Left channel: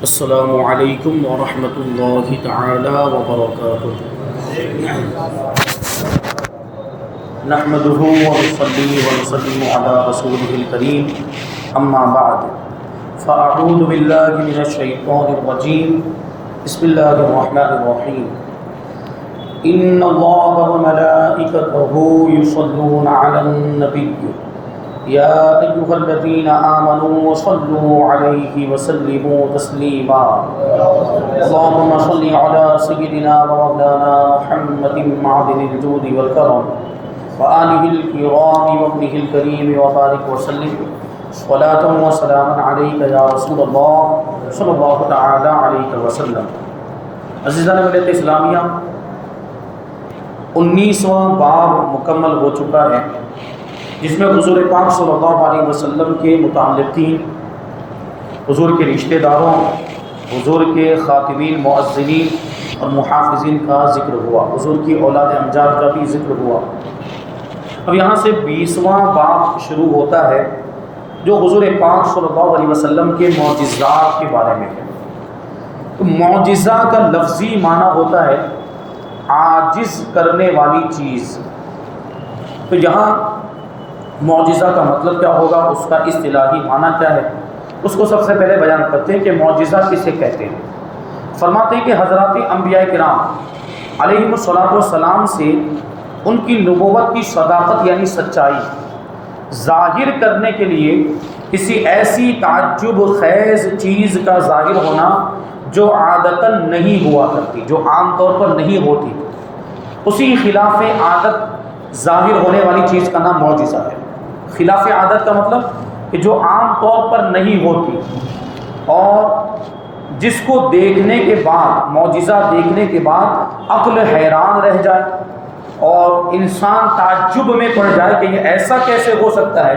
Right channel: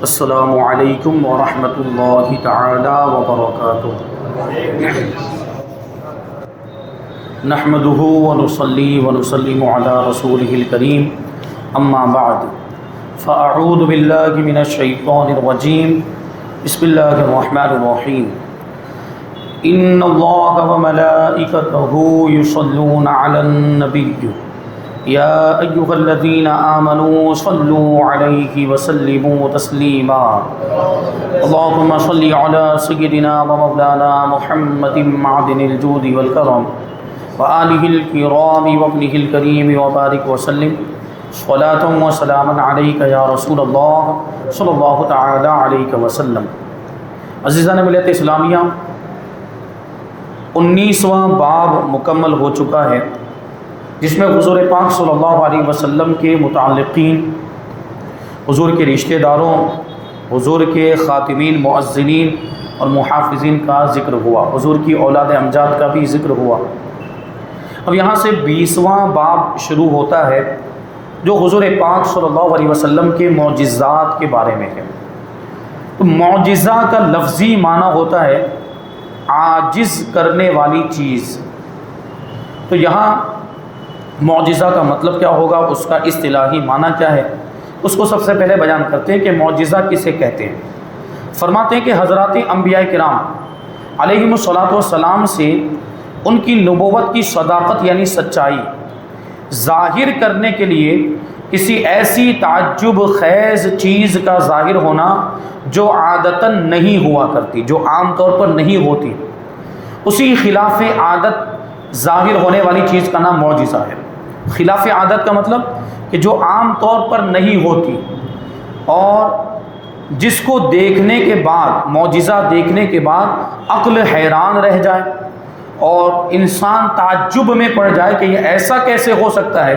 السلام علیکم ورحمۃ اللہ تعالی وبرکاتہ۔ نحمده ونصلي ونسلم على رسوله الكريم اما بعد فاعوذ باللہ من الشیطان الرجیم بسم اللہ الرحمن الرحیم ان اللہ وملائکته یصلون علی النبی یا ایہا الذین آمنوا صلوا علیہ وسلموا تسلیما اللہم صل علی سیدنا ومولانا محمد معدن الجود والکرم وآلہ الکرام وابنہ الکریم وبارک وسلم صلاۃ وسلام علیک یا رسول اللہ صلی اللہ تعالی علیہ وسلم۔ عزیزان ملت اسلامیہ، 19واں باب مکمل ہو چکا ہے، جس میں حضور پاک صلی اللہ علیہ وسلم کے متعلقین، حضور کے رشتہ داروں، حضور کے خاتمین مؤذنین اور محافظین کا ذکر ہوا، حضور کی اولاد امجاد کا بھی ذکر ہوا۔ اب یہاں سے 20واں باب شروع ہوتا ہے جو حضور پاک صلی اللہ علیہ وسلم کے معجزات کے بارے میں ہے۔ تو معجزہ کا لفظی معنی ہوتا ہے عاجز کرنے والی چیز۔ تو یہاں معجزہ کا مطلب کیا ہوگا، اس کا اصطلاحی معنی کیا ہے، اس کو سب سے پہلے بیان کرتے ہیں کہ معجزہ کسے کہتے ہیں۔ فرماتے ہیں کہ حضرات انبیاء کرام علیہم الصلوۃ والسلام سے ان کی نبوت کی صداقت یعنی سچائی ظاہر کرنے کے لیے کسی ایسی تعجب خیز چیز کا ظاہر ہونا جو عادتاً نہیں ہوا کرتی، جو عام طور پر نہیں ہوتی، اسی خلاف عادت ظاہر ہونے والی چیز کا نام معجزہ ہے۔ خلاف عادت کا مطلب کہ جو عام طور پر نہیں ہوتی اور جس کو دیکھنے کے بعد، معجزہ دیکھنے کے بعد عقل حیران رہ جائے اور انسان تعجب میں پڑ جائے کہ یہ ایسا کیسے ہو سکتا ہے۔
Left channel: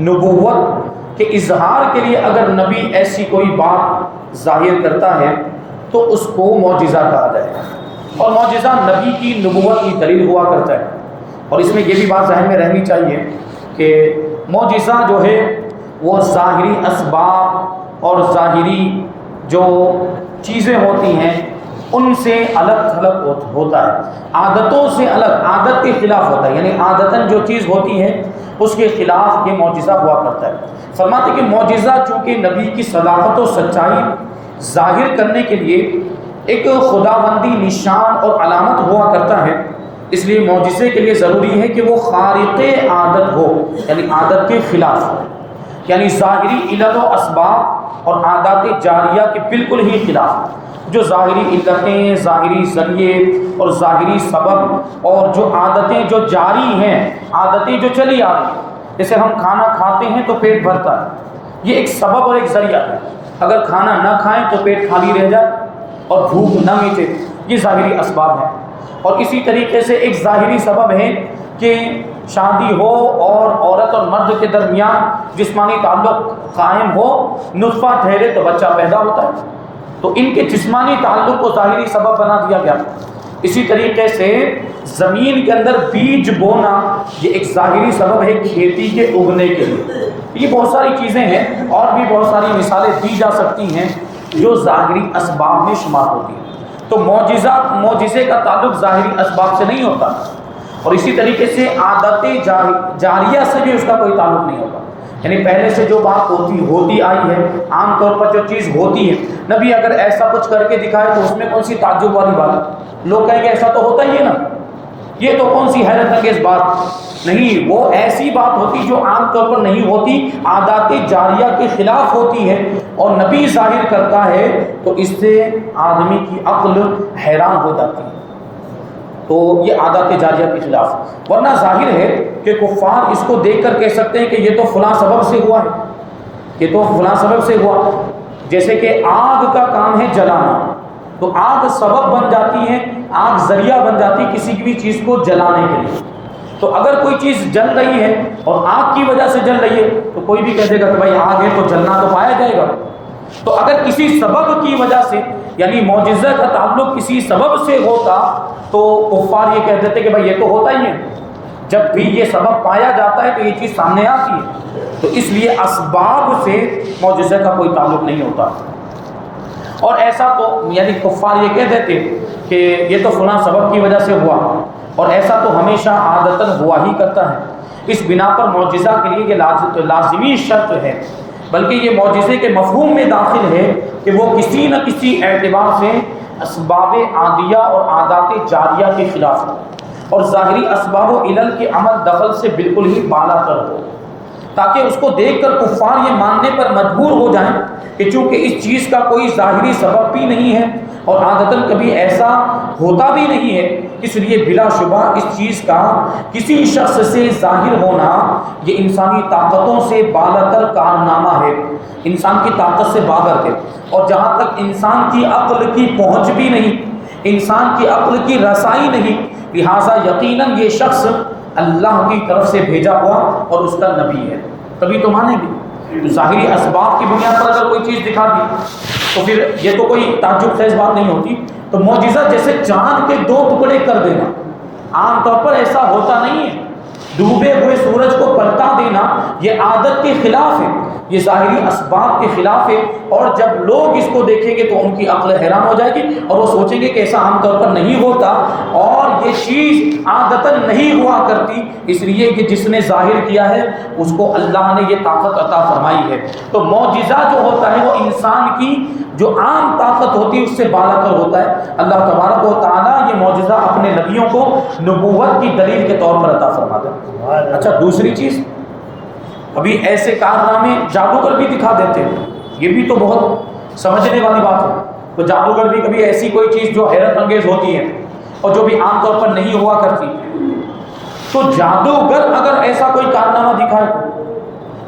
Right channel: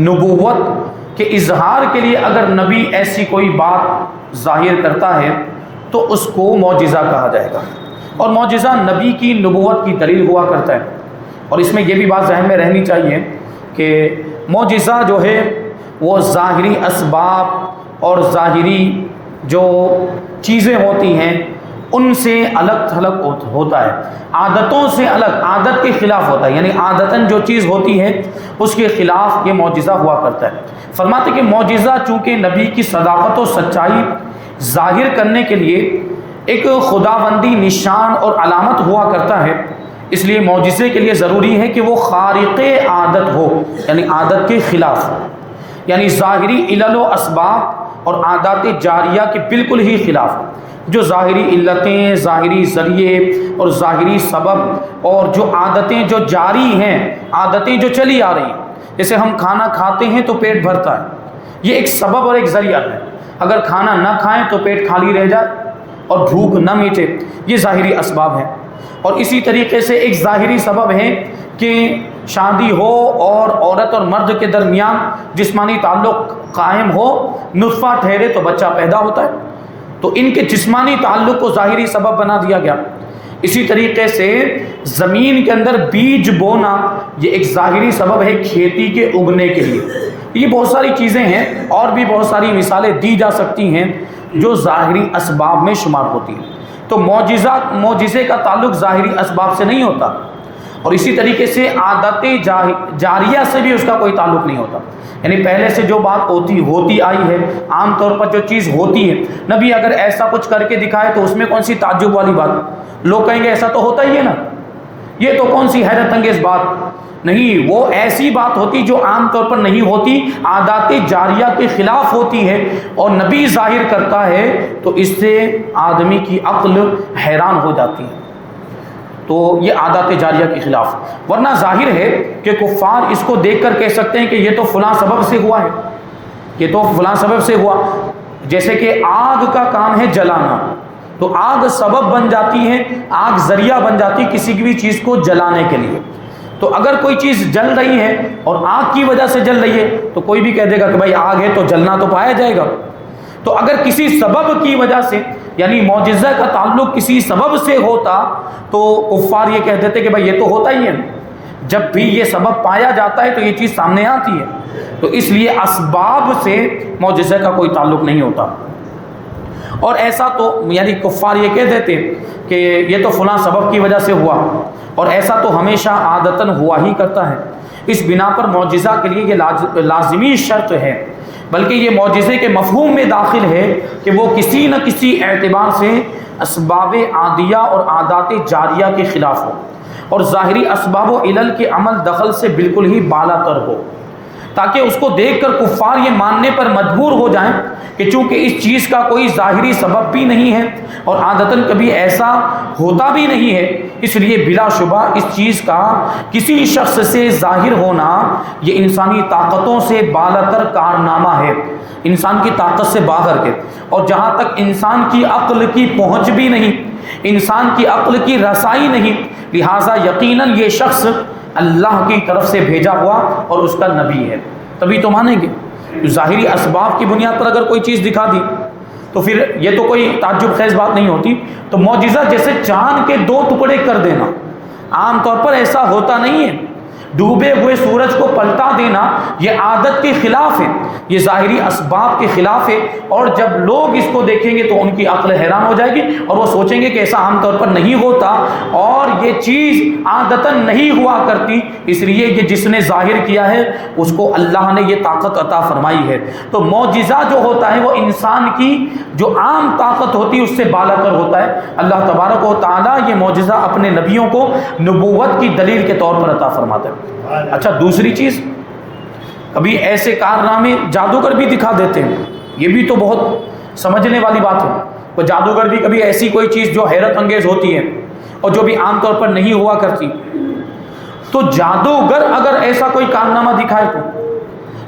نبوت کے اظہار کے لیے اگر نبی ایسی کوئی بات ظاہر کرتا ہے تو اس کو معجزہ کہا جائے گا، اور معجزہ نبی کی نبوت کی دلیل ہوا کرتا ہے۔ اور اس میں یہ بھی بات ذہن میں رہنی چاہیے کہ معجزہ جو ہے وہ ظاہری اسباب اور ظاہری جو چیزیں ہوتی ہیں ان سے الگ تھلگ ہوتا ہے، عادتوں سے الگ، عادت کے خلاف ہوتا ہے، یعنی عادتاً جو چیز ہوتی ہے اس کے خلاف یہ معجزہ ہوا کرتا ہے۔ فرماتے کہ معجزہ چونکہ نبی کی صداقت و سچائی ظاہر کرنے کے لیے ایک خداوندی نشان اور علامت ہوا کرتا ہے، اس لیے معجزے کے لیے ضروری ہے کہ وہ خارق عادت ہو، یعنی عادت کے خلاف ہو، یعنی ظاہری علل و اسباب اور عادات جاریہ کے بالکل ہی خلاف، جو ظاہری علتیں، ظاہری ذریعے اور ظاہری سبب اور جو عادتیں جو جاری ہیں، عادتیں جو چلی آ رہی ہیں، جیسے ہم کھانا کھاتے ہیں تو پیٹ بھرتا ہے، یہ ایک سبب اور ایک ذریعہ ہے۔ اگر کھانا نہ کھائیں تو پیٹ خالی رہ جائے اور بھوک نہ مٹے، یہ ظاہری اسباب ہیں۔ اور اسی طریقے سے ایک ظاہری سبب ہے کہ شادی ہو اور عورت اور مرد کے درمیان جسمانی تعلق قائم ہو، نطفہ ٹھہرے تو بچہ پیدا ہوتا ہے، تو ان کے جسمانی تعلق کو ظاہری سبب بنا دیا گیا۔ اسی طریقے سے زمین کے اندر بیج بونا یہ ایک ظاہری سبب ہے کھیتی کے اگنے کے لیے۔ یہ بہت ساری چیزیں ہیں اور بھی بہت ساری مثالیں دی جا سکتی ہیں جو ظاہری اسباب میں شمار ہوتی ہیں۔ تو معجزے کا تعلق ظاہری اسباب سے نہیں ہوتا، اور اسی طریقے سے عادت جاریہ سے بھی اس کا کوئی تعلق نہیں ہوتا، یعنی پہلے سے جو بات ہوتی آئی ہے، عام طور پر جو چیز ہوتی ہے، نبی اگر ایسا کچھ کر کے دکھائے تو اس میں کون سی تعجب والی بات، لوگ کہیں گے ایسا تو ہوتا ہی ہے نا، یہ تو کون سی حیرت انگیز بات نہیں، وہ ایسی بات ہوتی جو عام طور پر نہیں ہوتی، عادات جاریہ کے خلاف ہوتی ہے، اور نبی ظاہر کرتا ہے تو اس سے آدمی کی عقل حیران ہو جاتی ہے، تو یہ عادات جاریہ کے خلاف۔ ورنہ ظاہر ہے کہ کفار اس کو دیکھ کر کہہ سکتے ہیں کہ یہ تو فلاں سبب سے ہوا ہے، یہ تو فلاں سبب سے ہوا، جیسے کہ آگ کا کام ہے جلانا، تو آگ سبب بن جاتی ہے، آگ ذریعہ بن جاتی ہے کسی بھی چیز کو جلانے کے لیے۔ تو اگر کوئی چیز جل رہی ہے اور آگ کی وجہ سے جل رہی ہے تو کوئی بھی کہہ دے گا کہ بھائی آگ ہے تو جلنا تو پایا جائے گا۔ تو اگر کسی سبب کی وجہ سے، یعنی معجزہ کا تعلق کسی سبب سے ہوتا تو کفار یہ کہہ دیتے کہ بھائی یہ تو ہوتا ہی ہے، جب بھی یہ سبب پایا جاتا ہے تو یہ چیز سامنے آتی ہے، تو اس لیے اسباب سے معجزہ کا کوئی تعلق نہیں ہوتا۔ اور ایسا تو یعنی کفار یہ کہہ دیتے کہ یہ تو فلاں سبب کی وجہ سے ہوا، اور ایسا تو ہمیشہ عادتاً ہوا ہی کرتا ہے، اس بنا پر معجزہ کے لیے یہ لازمی شرط ہے، بلکہ یہ معجزے کے مفہوم میں داخل ہے کہ وہ کسی نہ کسی اعتبار سے اسباب عادیہ اور عادات جاریہ کے خلاف ہو، اور ظاہری اسباب و علل کے عمل دخل سے بالکل ہی بالا تر ہو، تاکہ اس کو دیکھ کر کفار یہ ماننے پر مجبور ہو جائیں کہ چونکہ اس چیز کا کوئی ظاہری سبب بھی نہیں ہے اور عادتاً کبھی ایسا ہوتا بھی نہیں ہے، اس لیے بلا شبہ اس چیز کا کسی شخص سے ظاہر ہونا یہ انسانی طاقتوں سے بالاتر کارنامہ ہے، انسان کی طاقت سے باہر کے، اور جہاں تک انسان کی عقل کی پہنچ بھی نہیں، انسان کی عقل کی رسائی نہیں، لہٰذا یقیناً یہ شخص اللہ کی طرف سے بھیجا ہوا اور اس کا نبی ہے، تبھی تو مانیں گے۔ ظاہری اسباب کی بنیاد پر اگر کوئی چیز دکھا دی تو پھر یہ تو کوئی تعجب خیز بات نہیں ہوتی۔ تو معجزہ جیسے چاند کے 2 ٹکڑے کر دینا، عام طور پر ایسا ہوتا نہیں ہے، ڈوبے ہوئے سورج کو پلٹا دینا یہ عادت کے خلاف ہے، یہ ظاہری اسباب کے خلاف ہے، اور جب لوگ اس کو دیکھیں گے تو ان کی عقل حیران ہو جائے گی اور وہ سوچیں گے کہ ایسا عام طور پر نہیں ہوتا اور یہ چیز عادتاً نہیں ہوا کرتی، اس لیے کہ جس نے ظاہر کیا ہے اس کو اللہ نے یہ طاقت عطا فرمائی ہے۔ تو معجزہ جو ہوتا ہے وہ انسان کی جو عام طاقت ہوتی ہے اس سے بالا تر ہوتا ہے۔ اللہ تبارک و تعالیٰ یہ معجزہ اپنے نبیوں کو نبوت کی دلیل کے طور پر عطا فرماتا ہے۔ اچھا دوسری چیز، کبھی ایسے کارنامے جادوگر بھی دکھا دیتے ہیں، یہ بھی تو بہت سمجھنے والی بات ہے، تو جادوگر بھی کبھی ایسی کوئی چیز جو حیرت انگیز ہوتی ہے اور جو بھی عام طور پر نہیں ہوا کرتی، تو جادوگر اگر ایسا کوئی کارنامہ دکھائے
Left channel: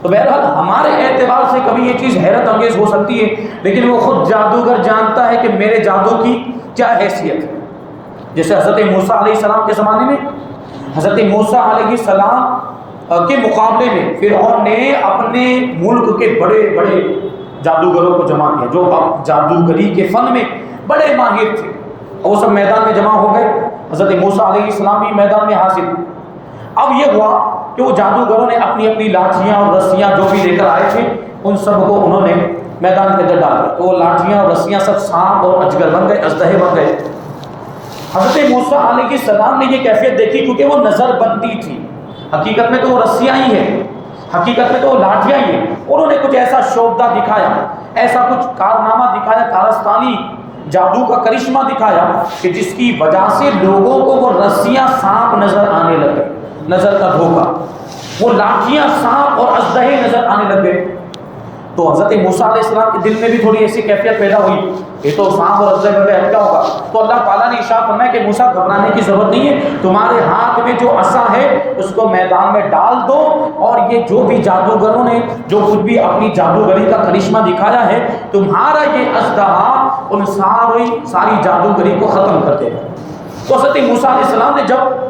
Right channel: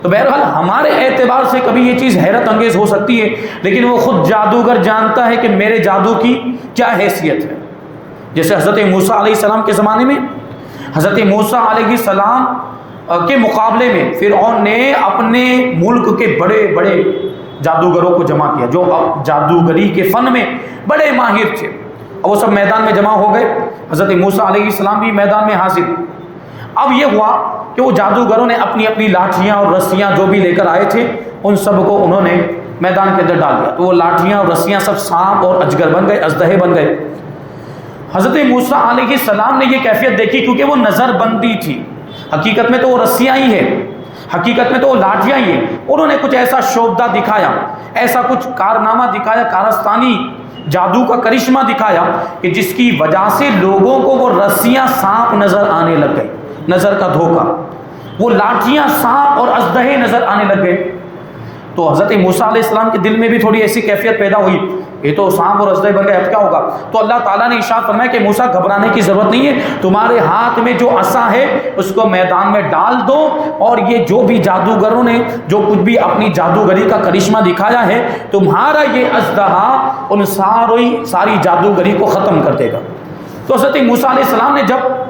تو بہرحال ہمارے اعتبار سے کبھی یہ چیز حیرت انگیز ہو سکتی ہے، لیکن وہ خود جادوگر جانتا ہے کہ میرے جادو کی کیا حیثیت ہے۔ جیسے حضرت موسیٰ علیہ السلام کے زمانے میں حضرت موسیٰ علیہ السلام کے مقابلے میں فرعون نے اپنے ملک کے بڑے بڑے جادوگروں کو جمع کیا جو جادوگری کے فن میں بڑے ماہر تھے، اور وہ سب میدان میں جمع ہو گئے، حضرت موسیٰ علیہ السلام بھی میدان میں حاضر۔ اب یہ ہوا کہ وہ جادوگروں نے اپنی اپنی لاٹھیاں اور رسیاں جو بھی لے کر آئے تھے ان سب کو انہوں نے میدان کے اندر ڈال دیا، تو وہ لاٹھیاں اور رسیاں سب سانپ اور اجگر بن گئے، اژدہے بن گئے۔ حضرت موسیٰ علیہ السلام نے یہ کیفیت دیکھی کیونکہ وہ نظر بندی تھی، حقیقت میں تو وہ رسیاں ہی ہیں، حقیقت میں تو وہ لاٹھیاں ہی ہیں، انہوں نے کچھ ایسا شعبدہ دکھایا، ایسا کچھ کارنامہ دکھایا، کارستانی جادو کا کرشمہ دکھایا کہ جس کی وجہ سے لوگوں کو وہ رسیاں سانپ نظر آنے لگ گئے، نظر کا دھوکہ، وہ لاٹھیاں سانپ اور اژدہے نظر آنے لگ گئے۔ تو حضرت موسیٰ علیہ السلام کے دل میں بھی تھوڑی ایسی کیفیت پیدا ہوئی، یہ تو سانپ اور اژدہے بن گئے، اب کیا ہوگا؟ تو اللہ تعالیٰ نے ارشاد فرمایا کہ موسیٰ گھبرانے کی ضرورت نہیں ہے، تمہارے ہاتھ میں جو عصا ہے اس کو میدان میں ڈال دو، اور یہ جو بھی جادوگروں نے جو کچھ بھی اپنی جادوگری کا کرشمہ دکھایا ہے، تمہارا یہ اژدہا ان ساری جادوگری کو ختم کر دے گا۔ تو حضرت موسیٰ علیہ السلام نے جب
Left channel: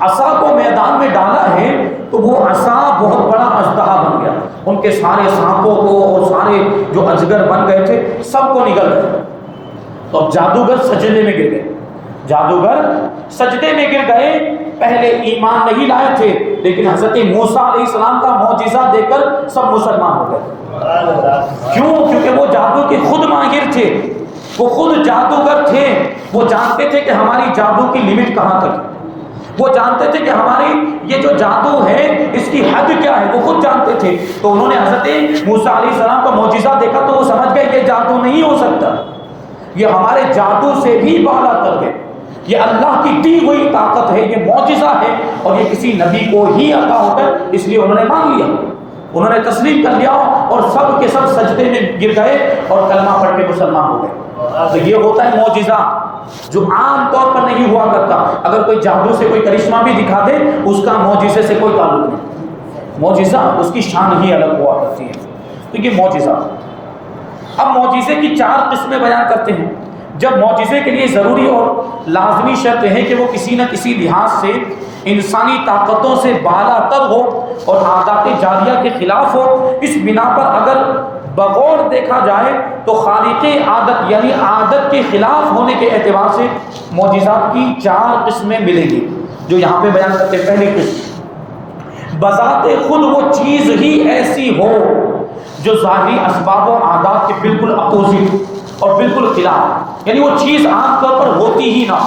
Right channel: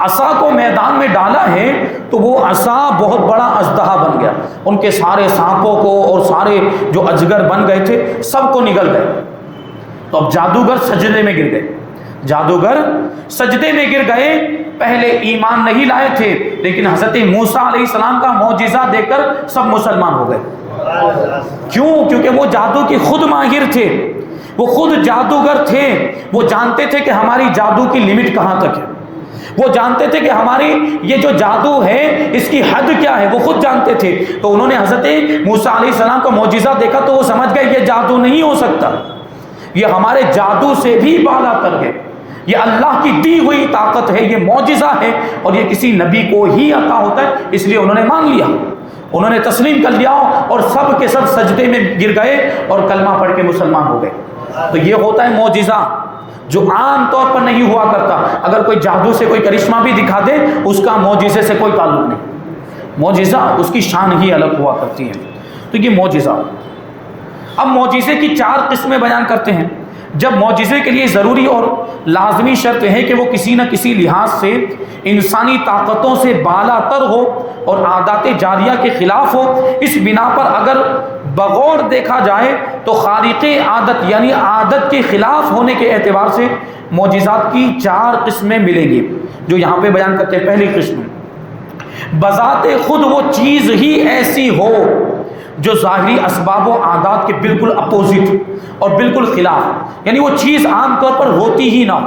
عصا کو میدان میں ڈالا ہے تو وہ عصا بہت بڑا اژدہا بن گیا، ان کے سارے سانپوں کو اور سارے جو اجگر بن گئے تھے سب کو نگل گئے۔ تو اب جادوگر سجدے میں گر گئے، جادوگر سجدے میں گر گئے، پہلے ایمان نہیں لائے تھے لیکن حضرت موسیٰ علیہ السلام کا معجزہ دے کر سب مسلمان ہو گئے۔ کیوں؟ کیونکہ وہ جادو کے خود ماہر تھے، وہ خود جادوگر تھے، وہ جانتے تھے کہ ہماری جادو کی لمٹ کہاں تک ہے، وہ جانتے تھے کہ ہماری یہ جو جادو ہے اس کی حد کیا ہے، وہ خود جانتے تھے۔ تو انہوں نے حضرت موسیٰ علیہ السلام کا معجزہ دیکھا تو وہ سمجھ گئے یہ جادو نہیں ہو سکتا، یہ ہمارے جادو سے بھی بالا تر ہے، یہ اللہ کی دی ہوئی طاقت ہے، یہ معجزہ ہے اور یہ کسی نبی کو ہی عطا ہوتا ہے، اس لیے انہوں نے مان لیا، انہوں نے تسلیم کر لیا اور سب کے سب سجدے میں گر گئے اور کلمہ پڑھ کے مسلمان ہو گئے۔ تو یہ ہوتا ہے معجزہ جو عام طور پر نہیں ہوا کرتا۔ اگر کوئی جادو سے کوئی کرشمہ بھی دکھا دے اس کا معجزے سے کوئی تعلق نہیں، معجزہ اس کی شان ہی الگ ہوا کرتی ہے۔ تو یہ معجزہ، اب معجزے کی 4 قسمیں بیان کرتے ہیں۔ جب معجزے کے لیے ضروری اور لازمی شرط ہے کہ وہ کسی نہ کسی لحاظ سے انسانی طاقتوں سے بالا تر ہو اور عادات جاریہ کے خلاف ہو، اس بنا پر اگر بغور دیکھا جائے تو خارق عادت یعنی عادت کے خلاف ہونے کے اعتبار سے معجزات کی 4 قسمیں ملیں گی جو یہاں پہ بیان کرتے ہیں۔ پہلی قسم، بذات خود وہ چیز ہی ایسی ہو جو ظاہری اسباب و عادات کے بالکل اپوزٹ، اور بالکل خلاف، یعنی وہ چیز عام طور پر ہوتی ہی نہ،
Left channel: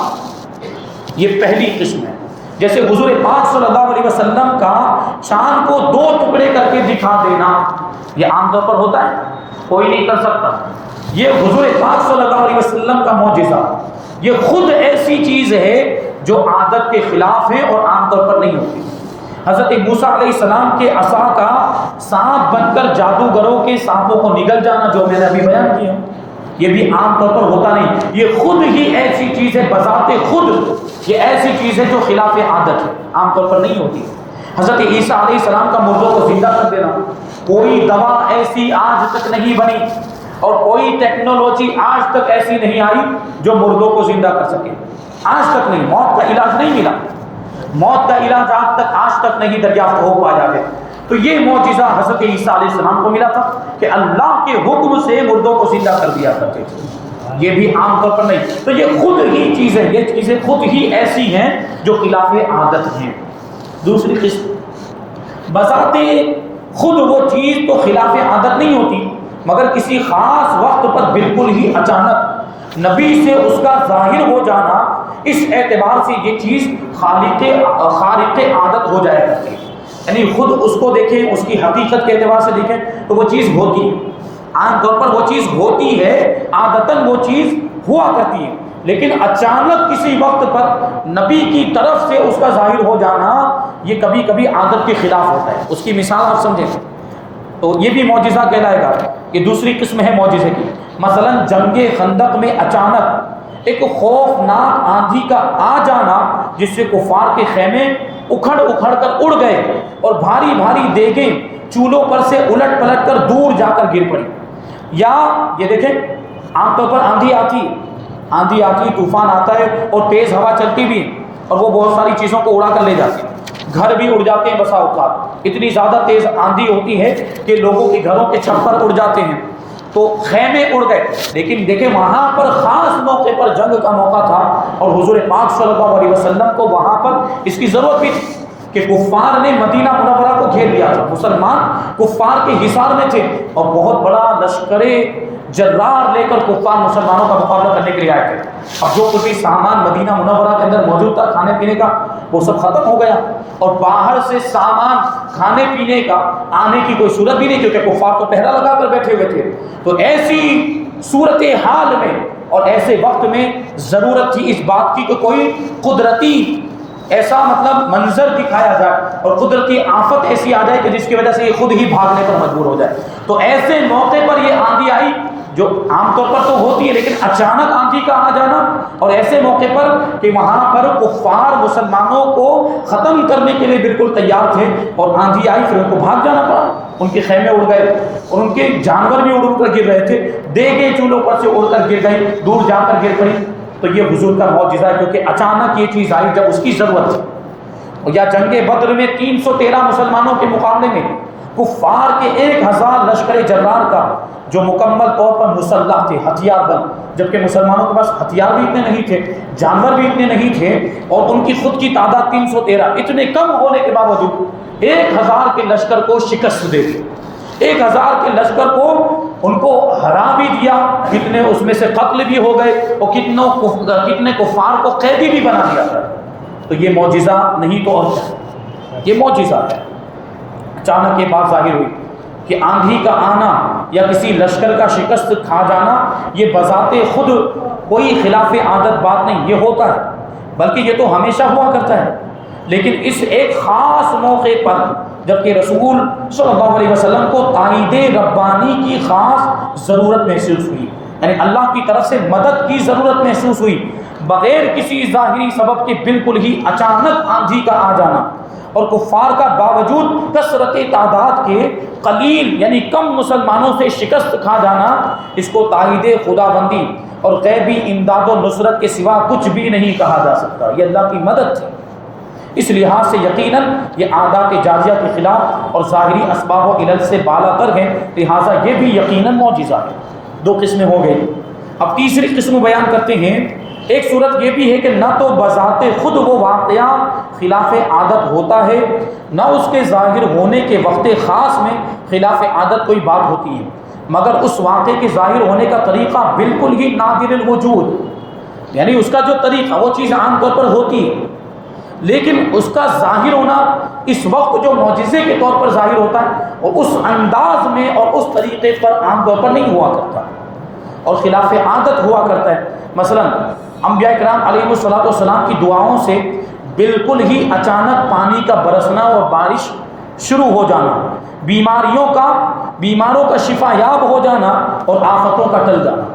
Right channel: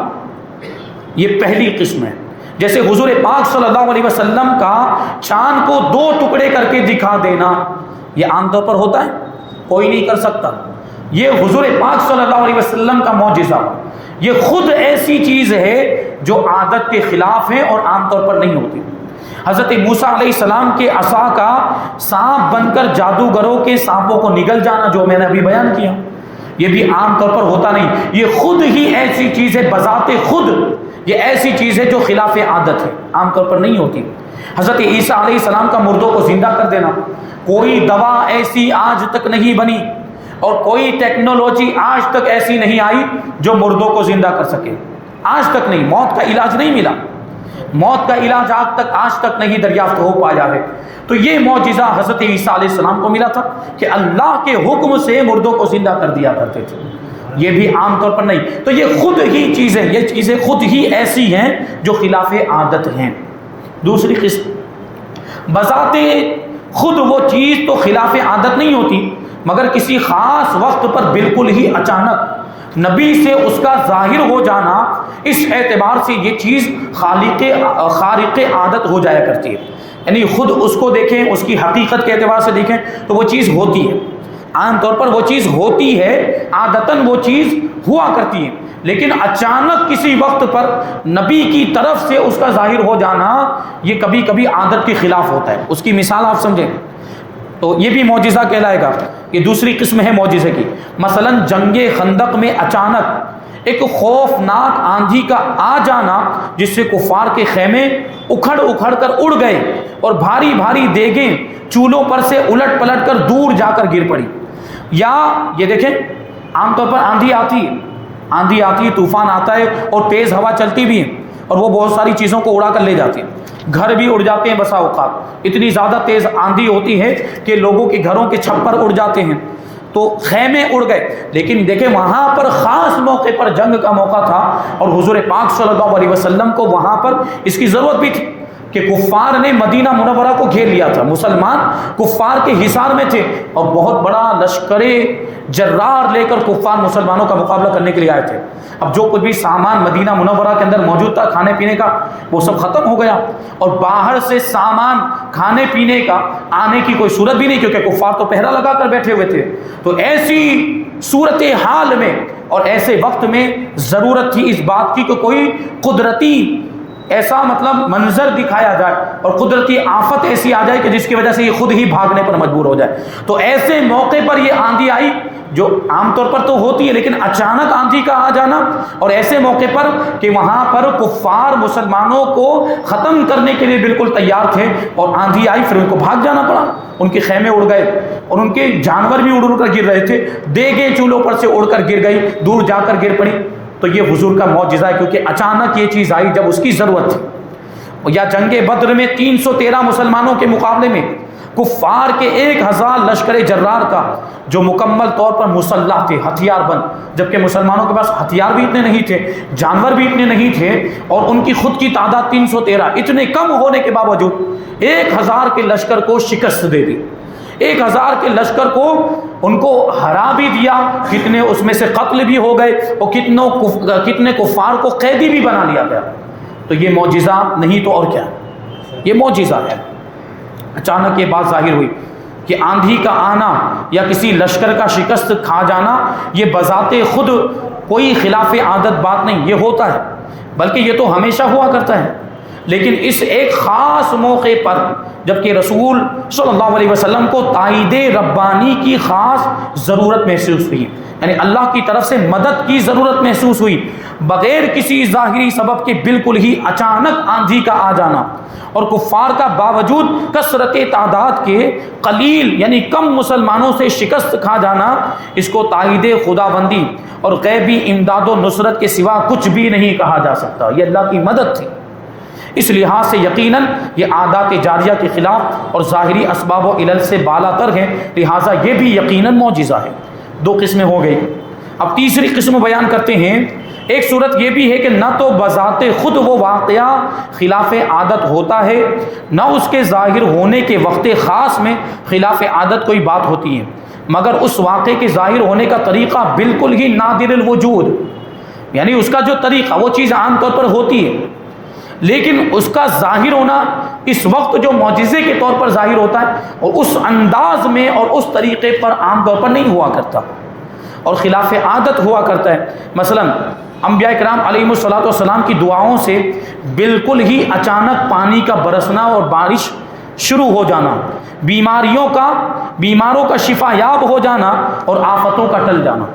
یہ پہلی قسم ہے۔ جیسے حضور پاک صلی اللہ علیہ وسلم کا چاند کو 2 ٹکڑے کر کے دکھا دینا، یہ عام طور پر ہوتا ہے، کوئی نہیں کر سکتا۔ یہ حضور پاک صلی اللہ علیہ وسلم کا معجزہ، یہ خود ایسی چیز ہے جو عادت کے خلاف ہے اور عام طور پر نہیں ہوتی۔ حضرت موسیٰ علیہ السلام کے عصا کا سانپ بن کر جادوگروں کے سانپوں کو نگل جانا، جو میں نے ابھی بیان کیا، یہ بھی عام طور پر ہوتا نہیں، یہ خود ہی ایسی چیز ہے، بذات خود یہ ایسی چیز ہے جو خلاف عادت ہے، عام طور پر نہیں ہوتی۔ حضرت عیسیٰ علیہ السلام کا مردوں کو زندہ کر دینا، کوئی دوا ایسی آج تک نہیں بنی اور کوئی ٹیکنالوجی آج تک ایسی نہیں آئی جو مردوں کو زندہ کر سکے، آج تک نہیں، موت کا علاج نہیں ملا، موت کا علاج آج تک نہیں دریافت ہو پایا ہے۔ تو یہ معجزہ حضرت عیسیٰ علیہ السلام کو ملا تھا کہ اللہ کے حکم سے مردوں کو زندہ کر دیا کرتے تھے، یہ بھی عام طور پر نہیں۔ تو یہ خود ہی چیزیں، یہ چیزیں خود ہی ایسی ہیں جو خلاف عادت ہیں۔ دوسری قسم، بذات خود وہ چیز تو خلاف عادت نہیں ہوتی، مگر کسی خاص وقت پر بالکل ہی اچانک نبی سے اس کا ظاہر ہو جانا، اس اعتبار سے یہ چیز خارق عادت ہو جایا کرتی ہے۔ یعنی خود اس کو دیکھیں، اس کی حقیقت کے اعتبار سے دیکھیں تو وہ چیز ہوتی ہے، عام طور پر وہ چیز ہوتی ہے، عادتاً وہ چیز ہوا کرتی ہے، لیکن اچانک کسی وقت پر نبی کی طرف سے اس کا ظاہر ہو جانا، یہ کبھی کبھی عادت کے خلاف ہوتا ہے۔ اس کی مثال آپ سمجھیں تو یہ بھی معجزہ کہلائے گا، یہ دوسری قسم ہے معجزے کی۔ مثلا جنگ خندق میں اچانک ایک خوفناک آندھی کا آ جانا، جس سے کفار کے خیمے اکھڑ اکھڑ کر اڑ گئے اور بھاری بھاری دیگیں چولہوں پر سے الٹ پلٹ کر دور جا کر گر پڑی۔ یا یہ دیکھیں، عام طور پر آندھی آتی ہے، طوفان آتا ہے اور تیز ہوا چلتی بھی ہے اور وہ بہت ساری چیزوں کو اڑا کر لے جاتی ہے، گھر بھی اڑ جاتے ہیں بسا اوقات، اتنی زیادہ تیز آندھی ہوتی ہے کہ لوگوں کے گھروں کے چھپر اڑ جاتے ہیں، تو خیمے اڑ گئے۔ لیکن دیکھیں وہاں پر خاص موقع پر جنگ کا موقع تھا اور حضور پاک صلی اللہ علیہ وسلم کو وہاں پر اس کی ضرورت بھی تھی کہ کفار نے مدینہ منورہ کو گھیر لیا تھا، مسلمان کفار کے حصار میں تھے اور بہت بڑا لشکر جرار لے کر کفار مسلمانوں کا مقابلہ کرنے کے لیے آئے تھے۔ اب جو کچھ بھی سامان مدینہ منورہ کے اندر موجود تھا کھانے پینے کا، وہ سب ختم ہو گیا اور باہر سے سامان کھانے پینے کا آنے کی کوئی صورت بھی نہیں، کیونکہ کفار تو پہرا لگا کر بیٹھے ہوئے تھے۔ تو ایسی صورتحال میں اور ایسے وقت میں ضرورت تھی اس بات کی کہ کوئی قدرتی ایسا مطلب منظر دکھایا جائے اور قدرتی آفت ایسی آ جائے کہ جس کی وجہ سے یہ خود ہی بھاگنے پر مجبور ہو جائے۔ تو ایسے موقع پر یہ آندھی آئی جو عام طور پر تو ہوتی ہے، لیکن اچانک آندھی کا آ جانا، اور ایسے موقع پر کہ وہاں پر کفار مسلمانوں کو ختم کرنے کے لیے بالکل تیار تھے اور آندھی آئی، پھر ان کو بھاگ جانا پڑا، ان کے خیمے اڑ گئے اور ان کے جانور بھی اڑ کر گر رہے تھے، دیگیں چولہوں پر سے اڑ کر گر گئی، دور جا کر گر پڑی۔ تو یہ حضور کا معجزہ ہے، کیونکہ اچانک یہ چیز آئی جب اس کی ضرورت تھی۔ یا جنگ بدر میں 313 مسلمانوں کے مقابلے میں کفار کے 1000 لشکر جرار کا جو مکمل طور پر مسلح تھے، ہتھیار بند، جبکہ مسلمانوں کے پاس ہتھیار بھی اتنے نہیں تھے، جانور بھی اتنے نہیں تھے، اور ان کی خود کی تعداد 313، اتنے کم ہونے کے باوجود 1000 کے لشکر کو شکست دے دی، 1000 کے لشکر کو ان کو ہرا بھی دیا، کتنے اس میں سے قتل بھی ہو گئے اور کتنے کفار کو قیدی بھی بنا دیا گیا۔ تو یہ معجزہ نہیں تو اور کیا، یہ معجزہ ہے۔ اچانک یہ بات ظاہر ہوئی کہ آندھی کا آنا یا کسی لشکر کا شکست کھا جانا یہ بذات خود کوئی خلاف عادت بات نہیں، یہ ہوتا ہے، بلکہ یہ تو ہمیشہ ہوا کرتا ہے۔ لیکن اس ایک خاص موقع پر جبکہ رسول صلی اللہ علیہ وسلم کو تائید ربانی کی خاص ضرورت محسوس ہوئی، یعنی اللہ کی طرف سے مدد کی ضرورت محسوس ہوئی، بغیر کسی ظاہری سبب کے بالکل ہی اچانک آندھی کا آ جانا اور کفار کا باوجود کثرت تعداد کے قلیل یعنی کم مسلمانوں سے شکست کھا جانا، اس کو تائید خداوندی اور غیبی امداد و نصرت کے سوا کچھ بھی نہیں کہا جا سکتا، یہ اللہ کی مدد تھی۔ اس لحاظ سے یقیناً یہ عادات جاریہ کے خلاف اور ظاہری اسباب و علل سے بالا تر ہے، لہٰذا یہ بھی یقیناً معجزہ ہے۔ 2 قسمیں ہو گئی۔ اب تیسری قسم بیان کرتے ہیں۔ ایک صورت یہ بھی ہے کہ نہ تو بذات خود وہ واقعہ خلاف عادت ہوتا ہے، نہ اس کے ظاہر ہونے کے وقت خاص میں خلاف عادت کوئی بات ہوتی ہے، مگر اس واقعے کے ظاہر ہونے کا طریقہ بالکل ہی نادر الوجود، یعنی اس کا جو طریقہ، وہ چیز عام طور پر ہوتی ہے لیکن اس کا ظاہر ہونا اس وقت جو معجزے کے طور پر ظاہر ہوتا ہے اور اس انداز میں اور اس طریقے پر عام طور پر نہیں ہوا کرتا اور خلاف عادت ہوا کرتا ہے۔ مثلا انبیاء کرام علیہ الصلوۃ والسلام کی دعاؤں سے بالکل ہی اچانک پانی کا برسنا اور بارش شروع ہو جانا، بیماروں کا شفا یاب ہو جانا اور آفتوں کا ٹل جانا،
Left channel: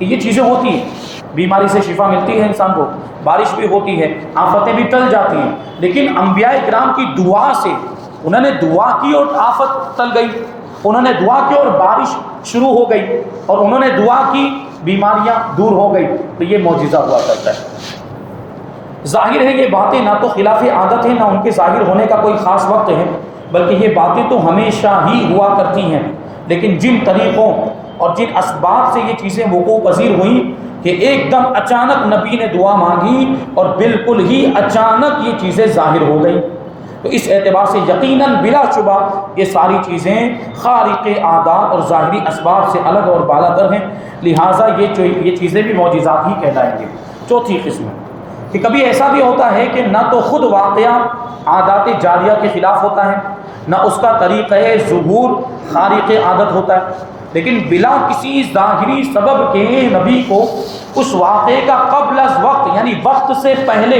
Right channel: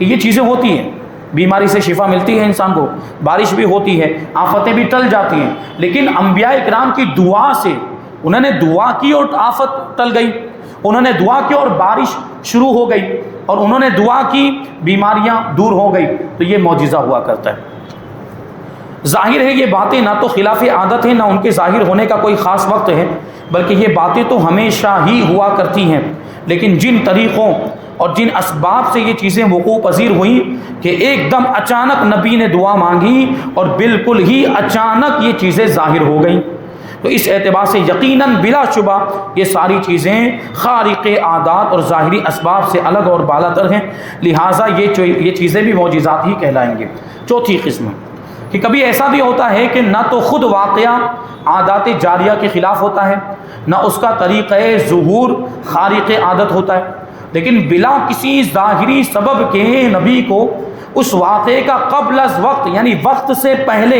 یہ چیزیں ہوتی ہیں۔ بیماری سے شفا ملتی ہے انسان کو، بارش بھی ہوتی ہے، آفتیں بھی ٹل جاتی ہیں، لیکن انبیاء کرام کی دعا سے انہوں نے دعا کی اور آفت ٹل گئی، انہوں نے دعا کی اور بارش شروع ہو گئی، اور انہوں نے دعا کی بیماریاں دور ہو گئی، تو یہ معجزہ ہوا کرتا ہے۔ ظاہر ہے یہ باتیں نہ تو خلاف عادت ہیں، نہ ان کے ظاہر ہونے کا کوئی خاص وقت ہے، بلکہ یہ باتیں تو ہمیشہ ہی ہوا کرتی ہیں، لیکن جن طریقوں اور جن اسباب سے یہ چیزیں وقوع پذیر ہوئیں کہ ایک دم اچانک نبی نے دعا مانگی اور بالکل ہی اچانک یہ چیزیں ظاہر ہو گئیں، تو اس اعتبار سے یقیناً بلا شبہ یہ ساری چیزیں خارق عادات اور ظاہری اسباب سے الگ اور بالا تر ہیں، لہٰذا یہ چیزیں بھی معجزات ہی کہلائیں گے۔ چوتھی قسم کہ کبھی ایسا بھی ہوتا ہے کہ نہ تو خود واقعہ عادات جاریہ کے خلاف ہوتا ہے، نہ اس کا طریقہ ظہور خارق عادت ہوتا ہے، لیکن بلا کسی ظاہری سبب کے نبی کو اس واقعے کا قبل از وقت یعنی وقت سے پہلے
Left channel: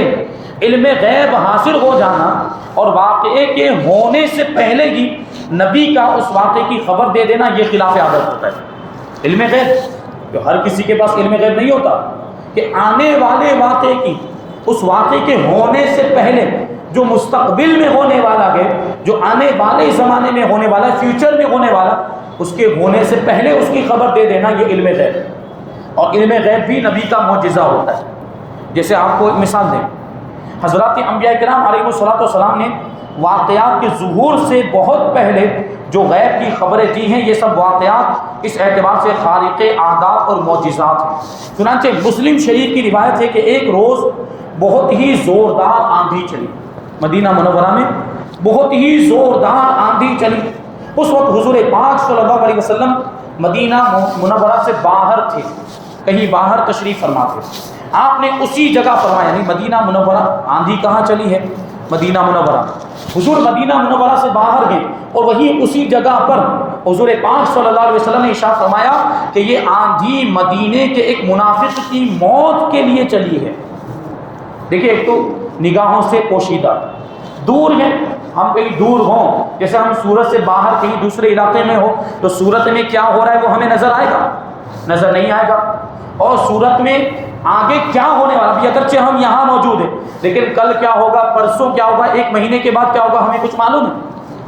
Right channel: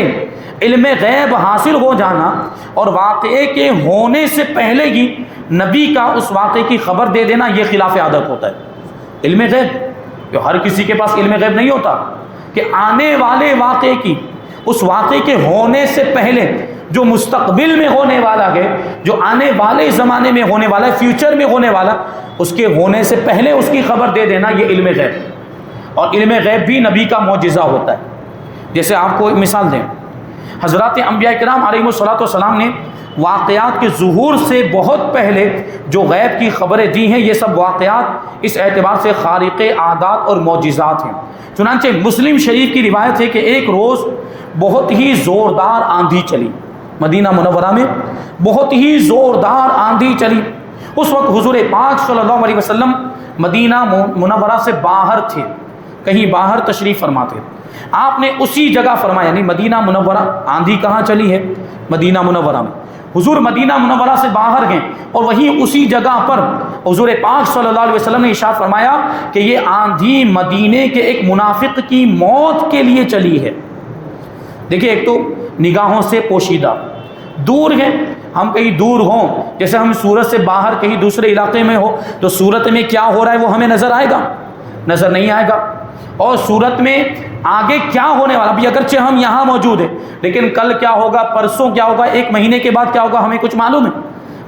علم غیب حاصل ہو جانا اور واقعے کے ہونے سے پہلے ہی نبی کا اس واقعے کی خبر دے دینا، یہ خلاف عادت ہوتا ہے۔ علم غیب جو ہر کسی کے پاس علم غیب نہیں ہوتا کہ آنے والے واقعے کی، اس واقعے کے ہونے سے پہلے جو مستقبل میں ہونے والا ہے، جو آنے والے زمانے میں ہونے والا ہے، فیوچر میں ہونے والا، اس کے ہونے سے پہلے اس کی خبر دے دینا، یہ علم غیب، اور علم غیب بھی نبی کا معجزہ ہوتا ہے۔ جیسے آپ کو ایک مثال دیں، حضرات انبیاء کرام علیہ الصلوۃ والسلام نے واقعات کے ظہور سے بہت پہلے جو غیب کی خبریں دی ہیں، یہ سب واقعات اس اعتبار سے خارق عادات اور معجزات ہیں۔ چنانچہ مسلم شریف کی روایت ہے کہ ایک روز بہت ہی زوردار آندھی چلی، مدینہ منورہ میں بہت ہی زوردار آندھی چلی۔ اس وقت حضور پاک صلی اللہ علیہ وسلم مدینہ منورہ سے باہر تھے، کہیں باہر تشریف فرما تھے۔ آپ نے اسی جگہ فرمایا، یعنی مدینہ منورہ، آندھی کہاں چلی ہے؟ مدینہ منورہ میں۔ حضور مدینہ منورہ سے باہر گئے اور وہیں اسی جگہ پر حضور پاک صلی اللہ علیہ وسلم نے ارشاد فرمایا کہ یہ آندھی مدینے کے ایک منافق کی موت کے لیے چلی ہے۔ دیکھیں، ایک تو نگاہوں سے پوشیدہ، دور ہے، ہم کہیں دور ہوں، جیسے ہم صورت سے باہر کہیں دوسرے علاقے میں ہو تو صورت میں کیا ہو رہا ہے وہ ہمیں نظر آئے گا؟ نظر نہیں آئے گا۔ اور صورت میں آگے کیا ہونے والا بھی، اگرچہ ہم یہاں موجود ہیں لیکن کل کیا ہوگا، پرسوں کیا ہوگا، ایک مہینے کے بعد کیا ہوگا، ہمیں کچھ معلوم ہے؟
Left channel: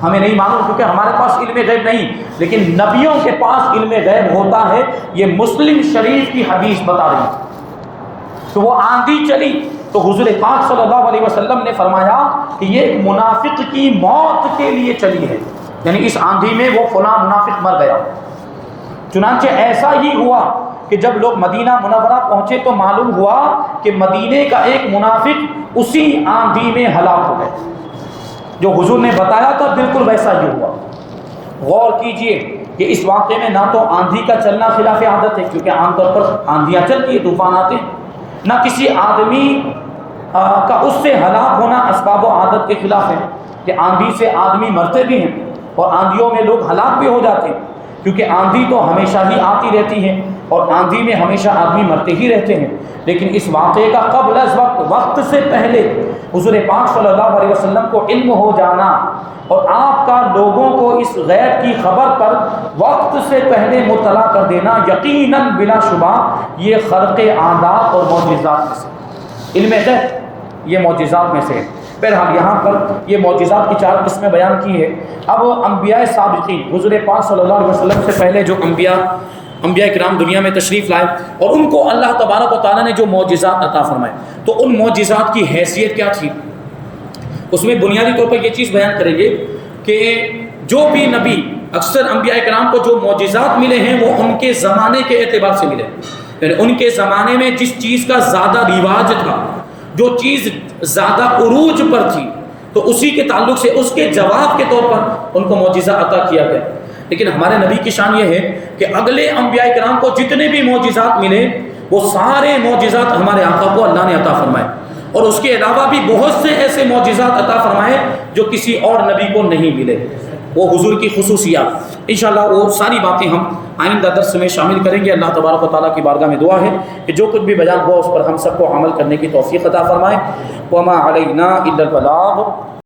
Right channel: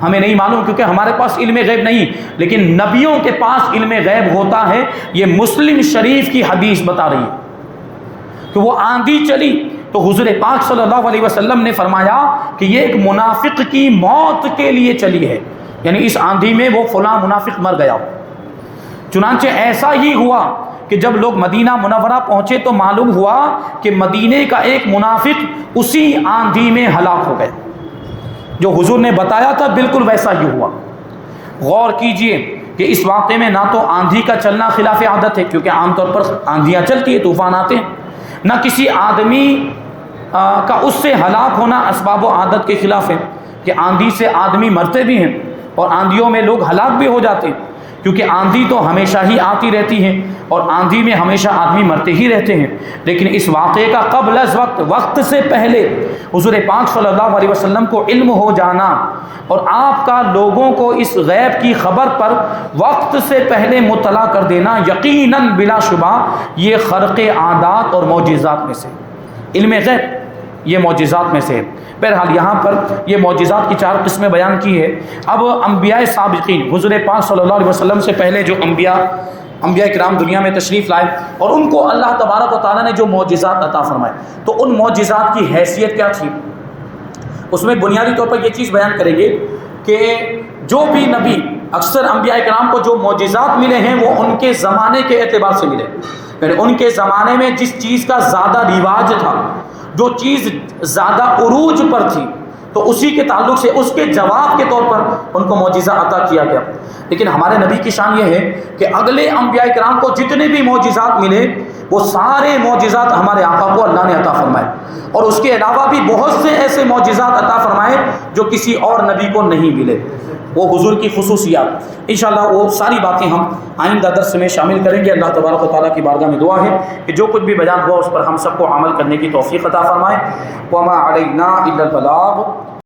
ہمیں نہیں معلوم، کیونکہ ہمارے پاس علم غیب نہیں، لیکن نبیوں کے پاس علم غیب ہوتا ہے۔ یہ مسلم شریف کی حدیث بتا رہی ہے کہ وہ آندھی چلی تو حضور پاک صلی اللہ علیہ وسلم نے فرمایا کہ یہ ایک منافق کی موت کے لیے چلی ہے، یعنی اس آندھی میں وہ فلاں منافق مر گیا۔ چنانچہ ایسا ہی ہوا کہ جب لوگ مدینہ منورہ پہنچے تو معلوم ہوا کہ مدینے کا ایک منافق اسی آندھی میں ہلاک ہو گئے، جو حضور نے بتایا تھا بالکل ویسا ہی ہوا۔ غور کیجئے کہ اس واقعے میں نہ تو آندھی کا چلنا خلاف عادت ہے، کیونکہ عام طور پر آندھیاں چلتی ہیں، طوفان آتے ہیں، نہ کسی آدمی کا اس سے ہلاک ہونا اسباب و عادت کے خلاف ہے، کہ آندھی سے آدمی مرتے بھی ہیں اور آندھیوں میں لوگ ہلاک بھی ہو جاتے ہیں، کیونکہ آندھی تو ہمیشہ ہی آتی رہتی ہے اور آندھی میں ہمیشہ آدمی مرتے ہی رہتے ہیں۔ لیکن اس واقعے کا قبل از وقت سے پہلے حضور پاک صلی اللہ علیہ وسلم کو علم ہو جانا اور آپ کا لوگوں کو اس غیب کی خبر پر وقت سے پہلے مطلع کر دینا، یقیناً بلا شبہ یہ خرق عادات اور معجزات میں سے، علم غیب یہ معجزات میں سے ہے۔ بہرحال یہاں پر یہ معجزات کی 4 قسمیں بیان کی ہے۔ اب انبیاء سابقین، حضور پاک صلی اللہ علیہ وسلم سے پہلے جو انبیاء کرام دنیا میں تشریف لائے اور ان کو اللہ تبارک و تعالیٰ نے جو معجزات عطا فرمائے، تو ان معجزات کی حیثیت کیا تھی؟ اس میں بنیادی طور پر یہ چیز بیان کریں گے کہ جو بھی نبی، اکثر انبیاء کرام کو جو معجزات ملے ہیں وہ ان کے زمانے کے اعتبار سے ملے، یعنی ان کے زمانے میں جس چیز کا زیادہ رواج تھا، جو چیز زیادہ عروج پر تھی، تو اسی کے تعلق سے اس کے جواب کے طور پر ان کو معجزہ عطا کیا گیا۔ لیکن ہمارے نبی کی شان یہ ہے کہ اگلے انبیاء کرام کو جتنے بھی معجزات ملے وہ سارے معجزات ہمارے آقا کو اللہ نے عطا فرمائے، اور اس کے علاوہ بھی بہت سے ایسے معجزات عطا فرمائے جو کسی اور نبی کو نہیں ملے، وہ حضور کی خصوصیات۔ انشاءاللہ وہ ساری باتیں ہم آئندہ درس میں شامل کریں گے۔ اللہ تبارک و تعالیٰ کی بارگاہ میں دعا ہے کہ جو کچھ بھی بیان ہوا اس پر ہم سب کو عمل کرنے کی توفیق عطا فرمائے۔ وما علینا الا البلاغ۔